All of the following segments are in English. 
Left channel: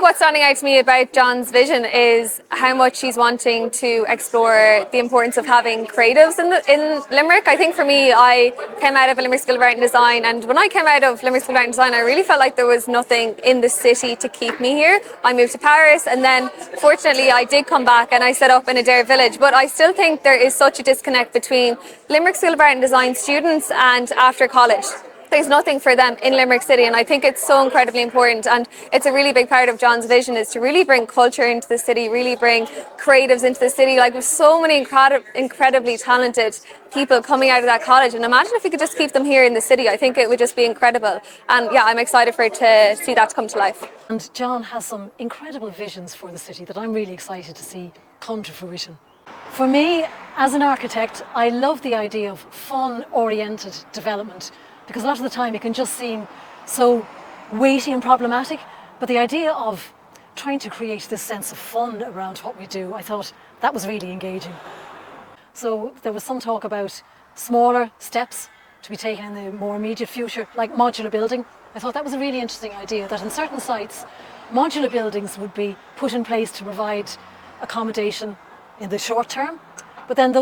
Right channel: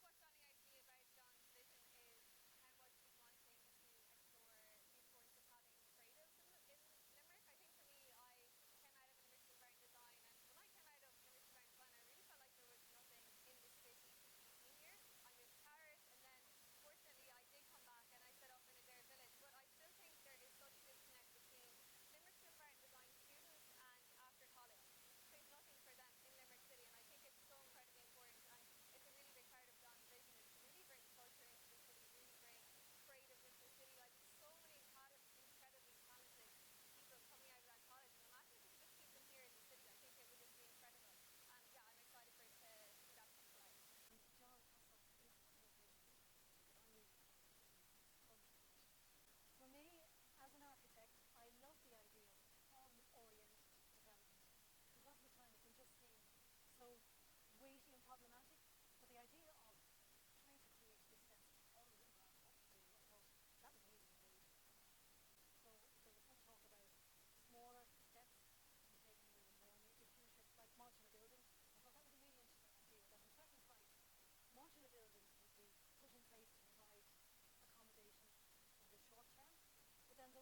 think what's standing out to me about John's vision is how much he's wanting to explore the importance of having creatives in Limerick. I think for me, I came out of a Limerick School of Art and Design, and when I came out of Limerick School of Art and Design, I really felt like there was nothing in the city to keep me here. I moved to Paris, and then fortunately I did come back and I set up in Adair Village, but I still think there is such a disconnect between Limerick School of Art and Design students and after college. There's nothing for them in Limerick City, and I think it's so incredibly important, and it's a really big part of John's vision is to really bring culture into the city, really bring creatives into the city. Like, there's so many incredibly talented people coming out of that college, and imagine if we could just keep them here in the city. I think it would just be incredible, and yeah, I'm excited for it to see that come to life. And John has some incredible visions for the city that I'm really excited to see come to fruition. For me, as an architect, I love the idea of fun-oriented development, because a lot of the time it can just seem so weighty and problematic, but the idea of trying to create this sense of fun around what we do, I thought that was really engaging. So there was some talk about smaller steps to be taken in the more immediate future, like modular building. I thought that was a really interesting idea, that in certain sites, modular buildings would be put in place to provide accommodation in the short term, but then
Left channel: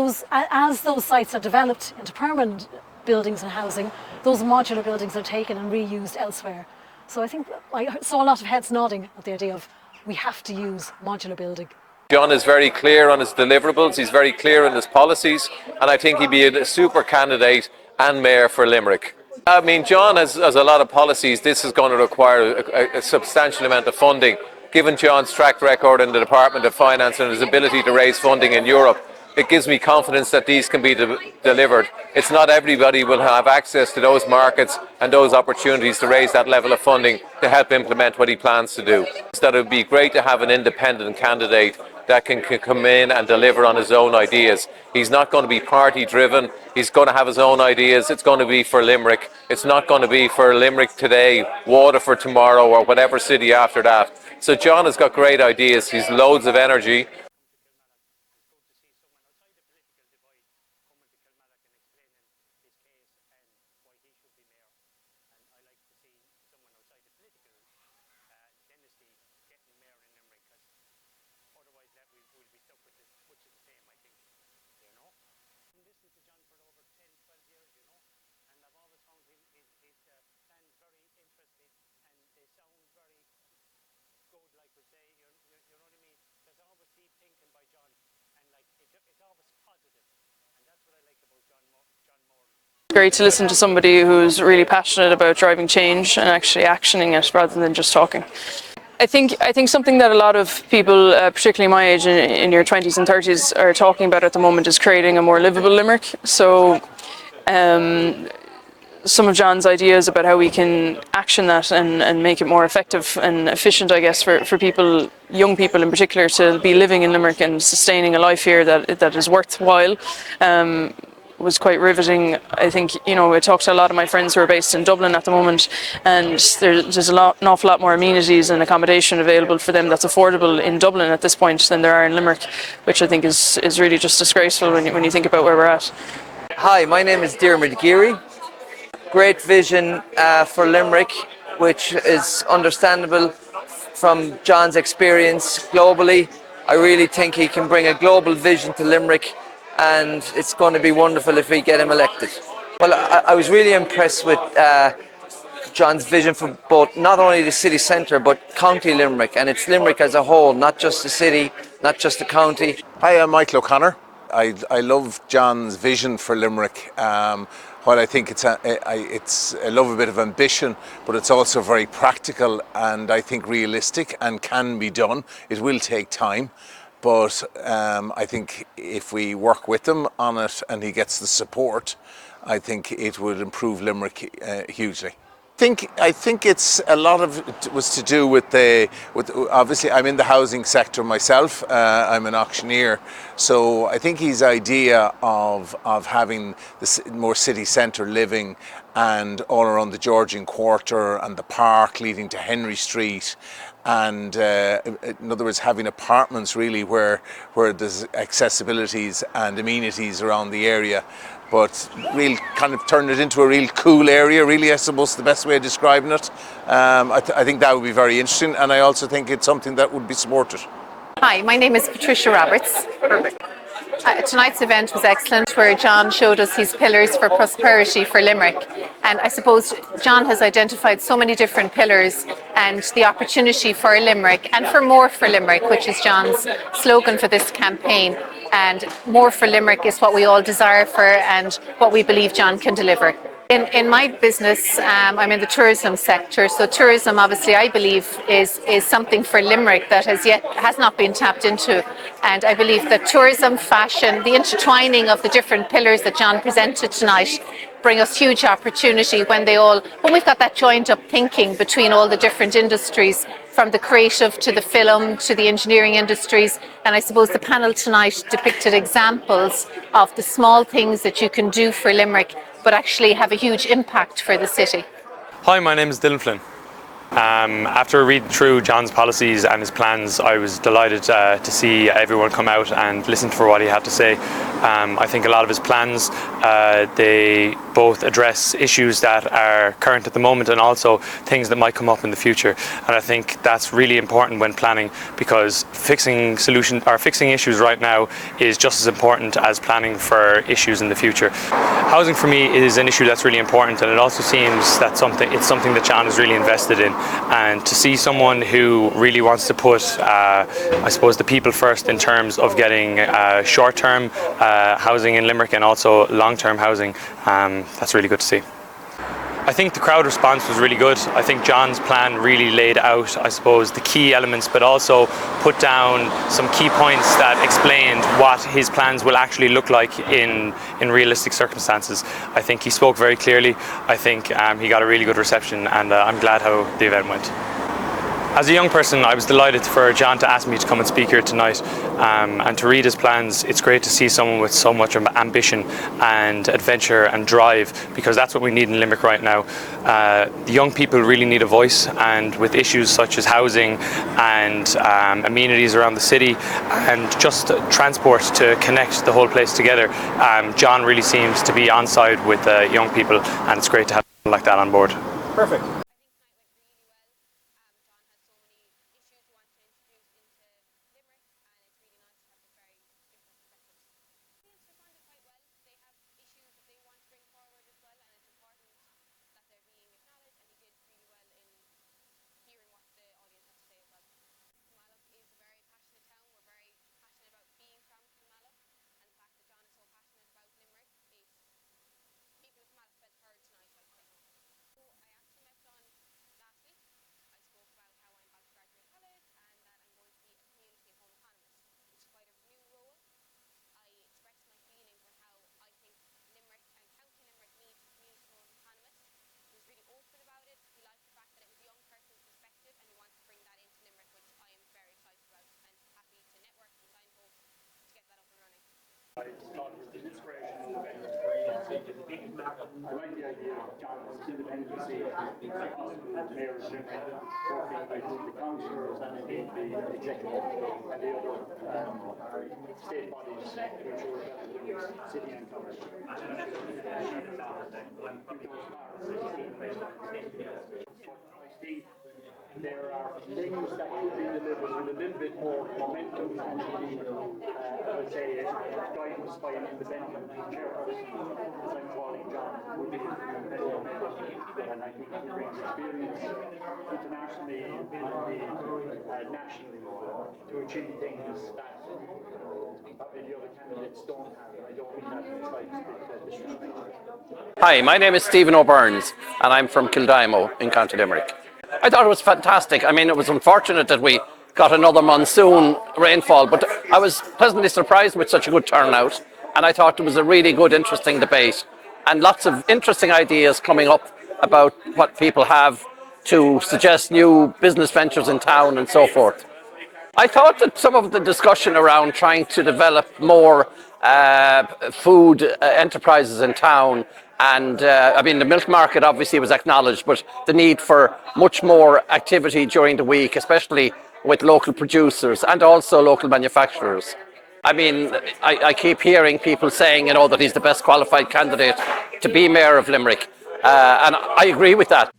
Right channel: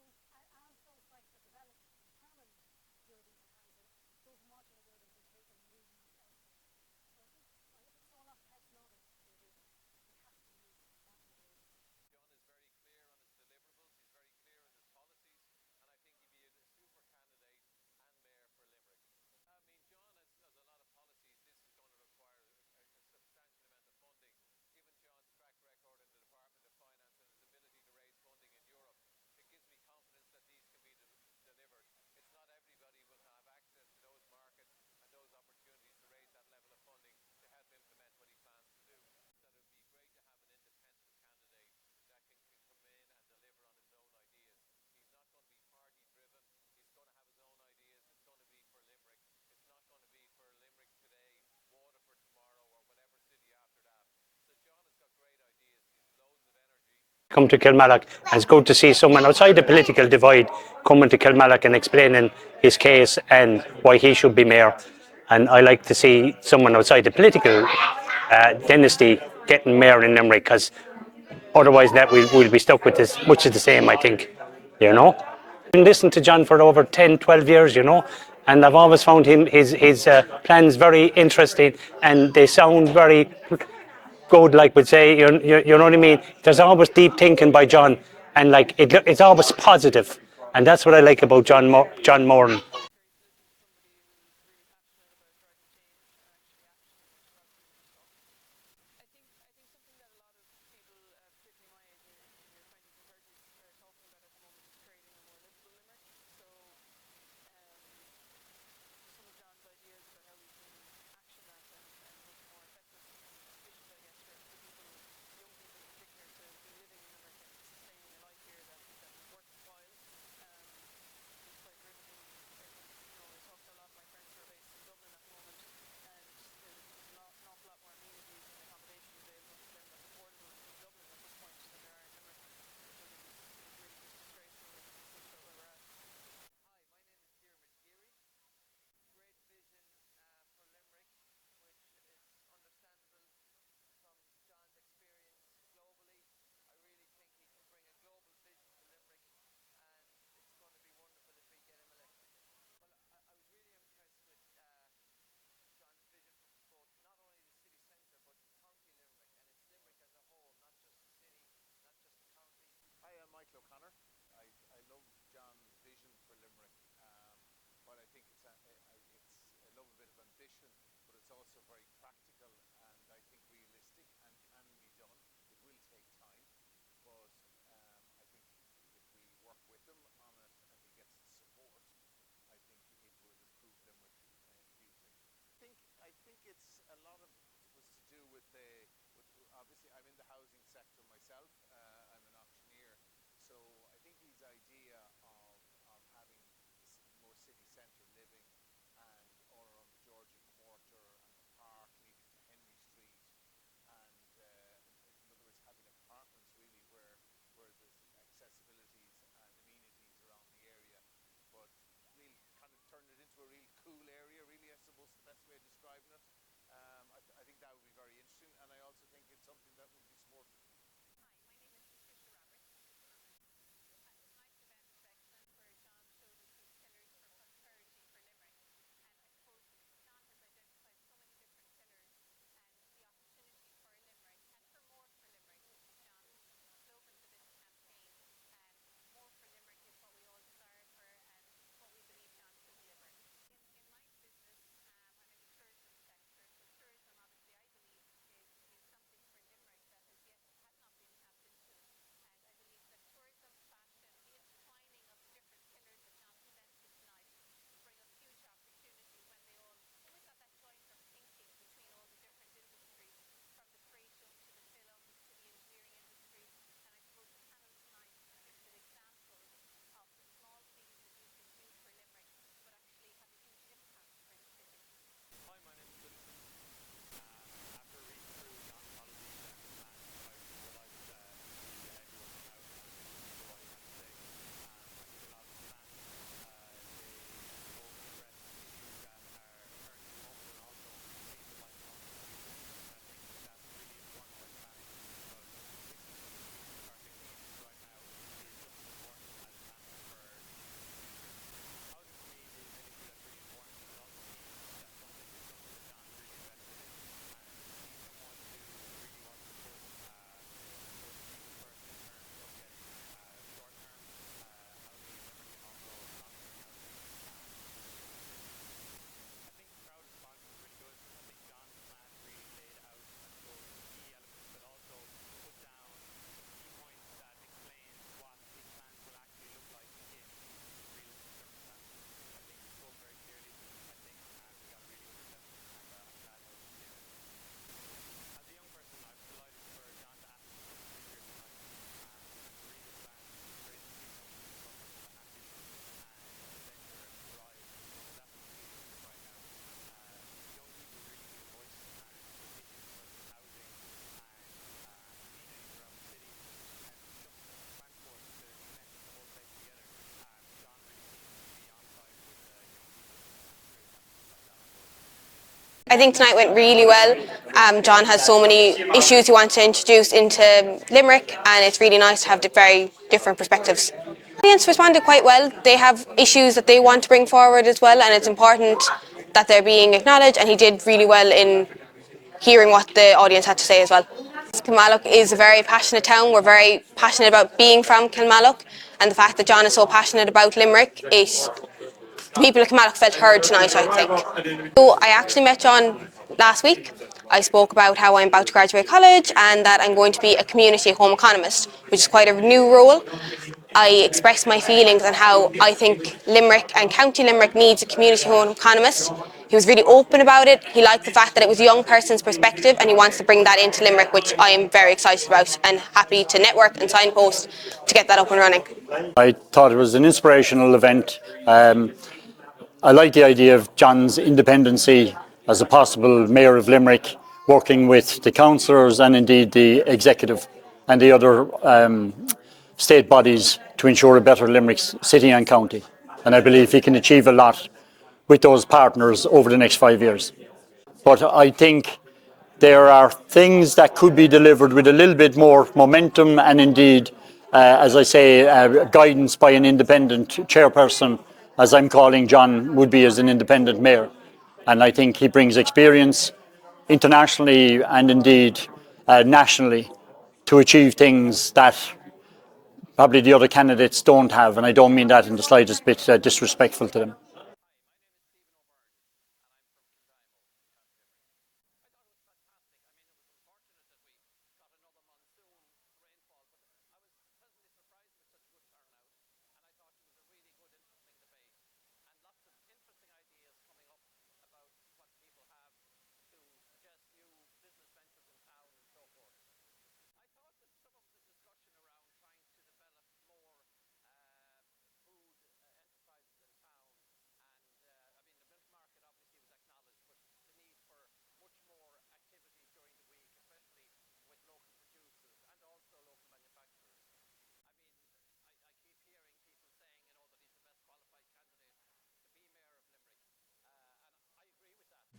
as those sites are developed into permanent buildings and housing, those modular buildings are taken and reused elsewhere. So I think I saw a lot of heads nodding at the idea of we have to use modular building. John is very clear on his deliverables, he's very clear on his policies, and I think he'd be a super candidate and mayor for Limerick. I mean, John has a lot of policies. This is going to require a substantial amount of funding. Given John's track record in the Department of Finance and his ability to raise funding in Europe, it gives me confidence that these can be delivered. It's not everybody will have access to those markets and those opportunities to raise that level of funding to help implement what he plans to do. So that it would be great to have an independent candidate that can come in and deliver on his own ideas. He's not going to be party driven. He's going to have his own ideas. It's going to be for Limerick. It's not going to be for Limerick today, Waterford tomorrow, or whatever city after that. So John has got great ideas. He's loads of energy. Come to Kilmallock, and it's good to see someone outside the political divide coming to Kilmallock and explaining his case and why he should be mayor. And I like to see someone outside the political dynasty getting mayor in Limerick, because otherwise that we'll be stuck with this, much of the same, I think, you know. I've been listening to John for over 10, 12 years, you know, and I've always found his plans very interesting, and they sound very good, like we'd say, you know what I mean? There's always deep thinking by John, and like it's always positive, and that's what I like about John Moran. Great to listen to somebody who's really passionate about driving change and actually actioning it rather than just talking. I think something that a lot of people, particularly my age, in your 20s and 30s, are talking about at the moment is creating a more livable Limerick. So some of John's ideas about how we can action that and make it more effective and efficient, I guess, for people, young people in particular, to be living in Limerick and sustaining a life here that is worthwhile, was quite riveting. I think, you know, I talked to a lot of my friends who are based in Dublin at the moment, and there's an awful lot more amenities and accommodation available for them that's affordable in Dublin at this point than there are in Limerick, which I think is really just disgraceful when you think about where we're at. Hi, my name is Diarmuid Geary. Great vision for Limerick, which is understandable from John's experience globally. I really think he can bring a global vision to Limerick, and it's going to be wonderful if we get him elected. Well, I was really impressed with John's vision for both, not only the city centre, but County Limerick, and it's Limerick as a whole, not just the city, not just the county. Hi, I'm Michael O'Connor. I love John's vision for Limerick. While I think I love a bit of ambition, but it's also very practical and I think realistic and can be done. It will take time, but I think if we work with him on it and he gets the support, I think it would improve Limerick hugely. I think it's a lot of it was to do with obviously I'm in the housing sector myself. I'm an auctioneer, so I think his idea of having this more city centre living and all around the Georgian Quarter and the park leading to Henry Street, and in other words having apartments really where there's accessibilities and amenities around the area. but real kind of turn it into a real cool area, really, I suppose the best way of describing it. I think that would be very interesting, and I also think it's something that would be supported. Hi, my name is Patricia Roberts. Perfect. Tonight's event was excellent, where John showed us his pillars for prosperity for Limerick. And I suppose John has identified so many different pillars and the opportunity for Limerick and for more for Limerick, which is John's slogan for this campaign. And more for Limerick is what we all desire for and what we believe John can deliver. In my business, I'm in the tourism sector. So tourism, obviously, I believe is something for Limerick that has not been tapped into. And I believe that tourism, fashion, the intertwining of the different pillars that John presented tonight bring us huge opportunity when we've got that joined up thinking between all the different industries, from the creative to the film to the engineering industries. And I suppose the panel tonight depicted examples of the small things that you can do for Limerick but actually have a huge impact for the city. Hi, my name is Dylan Flynn. After reading through John's policies and his plans, I was delighted to see everyone come out and listen for what he had to say. I think a lot of his plans, they both address issues that are current at the moment and also things that might come up in the future. And I think that's really important when planning, because fixing issues right now is just as important as planning for issues in the future. Housing for me is an issue that's really important, and it also seems that it's something that John is really invested in. And to see someone who really wants to put, I suppose, the people first in terms of getting short-term housing in Limerick and also long-term housing, that's really good to see. I think the crowd response was really good. I think John's plan really laid out, I suppose, the key elements, but also put down some key points that explained what his plans will actually look like in realistic circumstances. I think he spoke very clearly. I think he got a really good reception, and I'm glad how the event went. As a young person, I was delighted for John to ask me to come and speak here tonight and to read his plans. It's great to see someone with so much ambition and adventure and drive, because that's what we need in Limerick right now. The young people really need a voice, and with issues such as housing and amenities around the city and just transport to connect the whole place together, John really seems to be on side with young people, and it's great to have someone like that on board. Perfect. I think tonight went really well. John has so many issues he wants to introduce into Limerick, and it's really nice to have the very different perspectives. The audience responded quite well. They have issues that they want to bring forward as well, and it's important that they're being acknowledged, and he did really well in hearing what the audience had to say as well. Kilmallock is a very passionate town. We're very passionate about being from Kilmallock, and the fact that John is so passionate about Limerick, the people of Kilmallock felt heard tonight, I think. So I actually met John last week. I spoke about how I'm about to graduate college and that I'm going to be a community home economist, which is quite a new role. I expressed my feelings on how I think Limerick and County Limerick needs a community home economist. He was really open about it. He liked the fact that it was a young person's perspective, and he wants to bring that into Limerick, which I am very excited about and happy to network and signpost to get that up and running. I thought it was an inspirational event. I like the idea of John's independency as a possible Mayor of Limerick, working with the councillors and indeed the executive and the other state bodies to ensure a better Limerick city and county. And I believe he can achieve a lot with those partners over the next 5 years. But I think there are things that could be delivered with a little bit more momentum and indeed, as I say, guidance by an independent chairperson, as I'm calling John would be as an independent mayor. And I think he brings experience internationally and indeed nationally to achieve things that probably the other candidates don't have, and I don't mean that in the slightest bit disrespectful to them. Hi, my name is Stephen O'Byrnes and I'm from Kildimo in County Limerick. I thought it was fantastic. I mean, it was unfortunate that we got another monsoon rainfall, but I was pleasantly surprised with such a good turnout, and I thought it was a really good, interesting debate and lots of interesting ideas coming up about what people have to suggest new business ventures in town and so forth. I thought that some of the discussion around trying to develop more food enterprises in town, and I mean the milk market obviously was acknowledged, but the need for much more activity during the week, especially with local producers and also local manufacturers. I mean, I keep hearing people saying, that he's the best qualified candidate to be Mayor of Limerick. And I agree with that.